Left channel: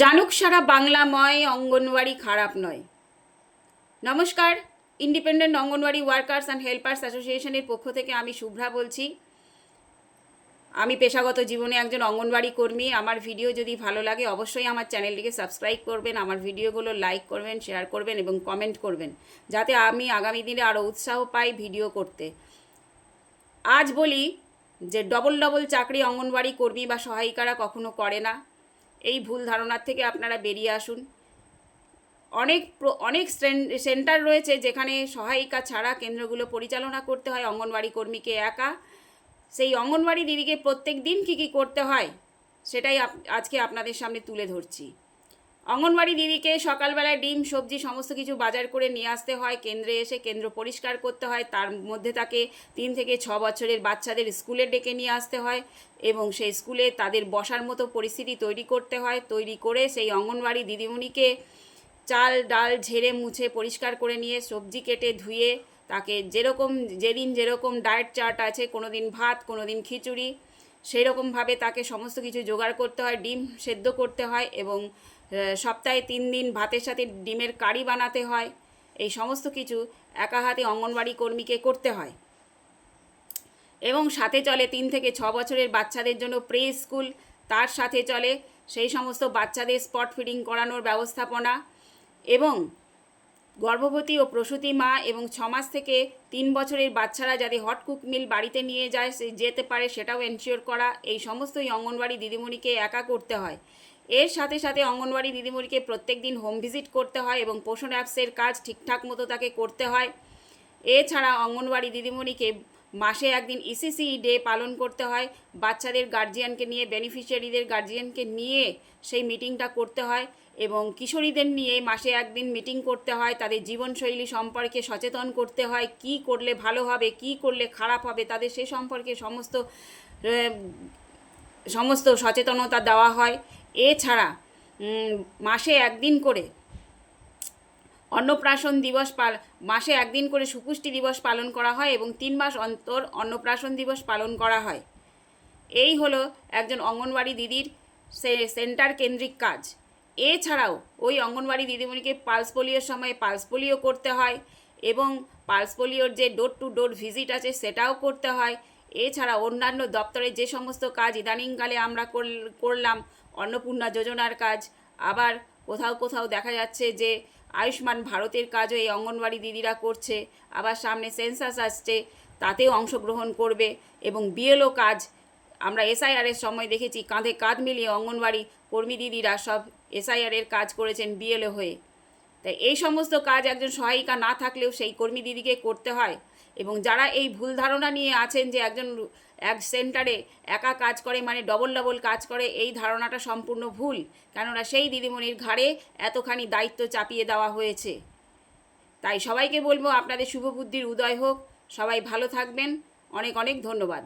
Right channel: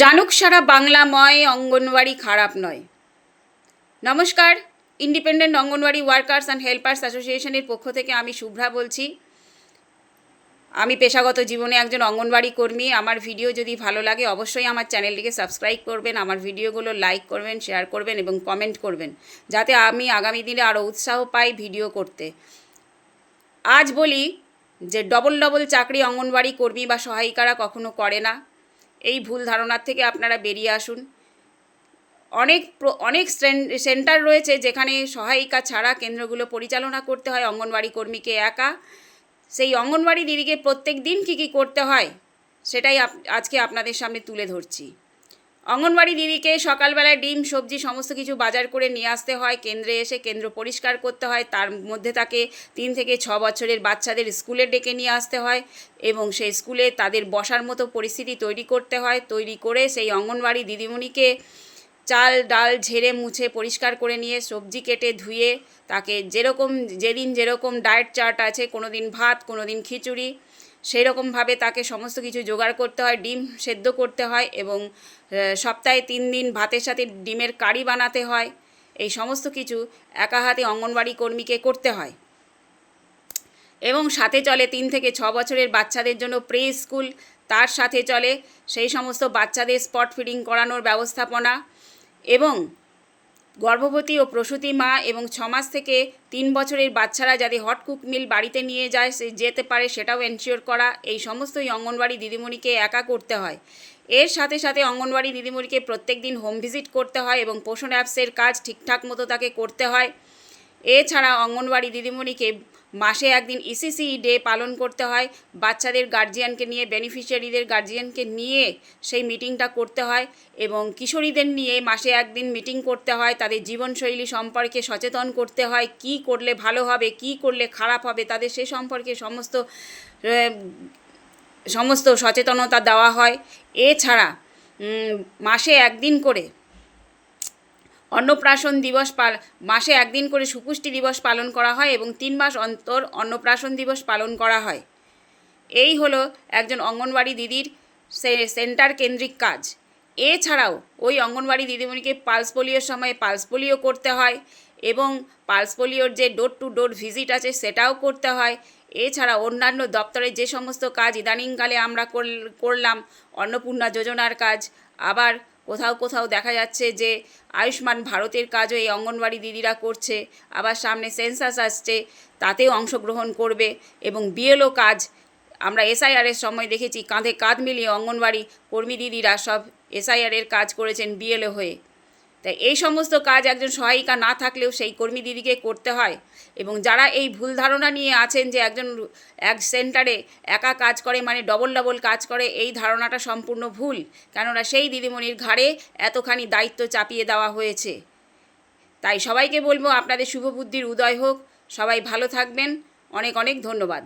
জানুক সারা বাংলাময় অঙ্গনওয়াড়ি খারাপ নয়। নমস্কার, independent anganwadi workers and helpers অ্যাসোসিয়েশনের পক্ষ থেকে আমি শুভ্রা বলছি। আমি পেশাগত জীবনে একজন অঙ্গনওয়াড়ি কর্মী। আমার ভিডিও যদি ভালো লাগে অবশ্যই আমার চ্যানেলটিকে সাবস্ক্রাইব করবেন, আমার ভিডিওগুলো লাইক করবেন, শেয়ার করবেন এবং কমেন্ট করবেন, যাতে আমি আগামী দিনে আরও উৎসাহ পাই ভিডিও করতে। আজ বলি যে ডবল চাকরি অঙ্গনওয়াড়ি কর্মী বা সহায়িকারা কখনো করে না। এই ভুল ধারণার থেকে আপনারা বেরিয়ে আসুন। অনেক সেন্টার রয়েছে যেখানে সহায়িকা ছাড়া কেন্দ্রগুলো পরিচালনা করতে হয় অঙ্গনওয়াড়ি কর্মীকে একা। সেই অঙ্গনওয়াড়ি দিদিকে প্রত্যেক দিন কী করতে হয় সেটাই আজকে আপনাদের সামনে তুলে ধরছি। অঙ্গনওয়াড়ি দিদিকে সকালবেলায় ডিম সবজি সমস্ত কিছু বাজার করে নিয়ে আসতে হয়, কেন্দ্রে এসে কেন্দ্র পরিষ্কার করতে হয়, তার মধ্যে তাকে 3 থেকে 6 বছরের বাচ্চাদের স্কুলে ডেকে নিয়ে আসতে হয় এবং সেই স্কুলে তাদের বসার মতো পরিস্থিতি তৈরি করতে হয়। তৈরি করে সেই অঙ্গনওয়াড়ি দিদিমণিকে চাল ডাল ঝেড়ে মুছে পরিষ্কার করে নিয়ে সবজি কেটে ধুয়ে তাকে যেদিন যেরকম ডায়েট চার্ট আছে, কোনো দিন ভাত, কোনো দিন খিচুড়ি, সেই রকমভাবে তাকে সমস্ত কিছু জোগাড় করতে হয়। ডিম সেদ্ধ করতে হয় এবং সপ্তাহে 3 দিন ভাতের সাথে ডিমের কারি বানাতে হয়। এই সমস্ত কিছু একা হাতে অঙ্গনওয়াড়ি কর্মীকে করতে হয় এবং সাথে চলে 3 থেকে 6 বছরের বাচ্চাদের জন্য প্রে স্কুল। তার সাথে চলে সেই সমস্ত বাচ্চাদের স্পট ফিডিং করানোর ব্যবস্থাপনা এবং গর্ভবতী ও প্রসূতি মা এবং 6 মাস থেকে 3 বছরের বাচ্চারা যাতে হট কুক মিল বাড়িতে নিয়ে যায় যেতে পারে সেটাও এনশিওর করা। এই সমস্তই অঙ্গনওয়াড়ি দিদিমণিকে একা করতে হয়। এর সাথে সাথে অঙ্গনওয়াড়ি দিদিমণিকে প্রত্যেক দিন হোম ভিজিট করতে হয় এবং পোষণ অ্যাপসের কাজ ঠিকঠাক মতো তাকে করতে হয়। এছাড়া অঙ্গনওয়াড়ি দিদিমণিকে মাসে একদিন ইসিসি ডে পালন করতে হয়। বাচ্চাদের গার্জিয়ানকে নিয়ে, বেনিফিশিয়ারিদের গার্জিয়ানকে নিয়ে সেই মিটিংটা করতে হয় এবং কিশোরীদের নিয়ে মাসে একদিন মিটিং করতে হয়। তাদের জীবনশৈলী সম্পর্কে সচেতন করতে হয়, কি করলে ভালো হবে, কি করলে খারাপ হবে, তাদের সে সম্পর্কে সমস্ত সচেতনতা দেওয়া হয়। এছাড়া মাসে একদিন করে অন্নপ্রাশন দিবস মাসে একদিন করে সুপুষ্টি দিবস পালন করা হয় এবং 3 মাস অন্তর অন্নপ্রাশন দিবস পালন করা হয়। এই হলো একজন অঙ্গনওয়াড়ি দিদির সেন্টার কেন্দ্রিক কাজ। এছাড়াও ওই অঙ্গনওয়াড়ি দিদিমণিকে পালস পোলিওর সময় পালস পোলিও করতে হয় এবং পালস পোলিওর যে ডোর টু ডোর ভিজিট আছে সেটাও করতে হয়। এছাড়া অন্যান্য দপ্তরের যে সমস্ত কাজ ইদানিংকালে আমরা করলাম, অন্নপূর্ণা যোজনার কাজ, আবার কোথাও কোথাও দেখা যাচ্ছে যে আয়ুষ্মান ভারতের কাজও এই অঙ্গনওয়াড়ি দিদিরা করছে। আবার সামনে সেন্সাস আসছে, তাতেও অংশগ্রহণ করবে এবং বিএলও কাজ আমরা এসআইআরের সময় দেখেছি কাঁধে কাঁধ মিলিয়ে অঙ্গনওয়াড়ি কর্মী দিদিরা সব এসআইআরের কাজ করেছেন বিএলও হয়ে। তাই এই সমস্ত কাজ একজন সহায়িকা না থাকলেও সেই কর্মী দিদিকে করতে হয় এবং যারা এই ভুল ধারণা নিয়ে আছেন যে এক সেন্টারে একা কাজ করে মানে ডবল কাজ করে, এই ধারণাটা সম্পূর্ণ ভুল। কেননা সেই দিদিমণির ঘাড়ে এতখানি দায়িত্ব চাপিয়ে দেওয়া হয়েছে। তাই সবাইকে বলবো আপনাদের শুভ বুদ্ধির উদয় হোক, সবাই ভালো থাকবেন। অনেক অনেক ধন্যবাদ।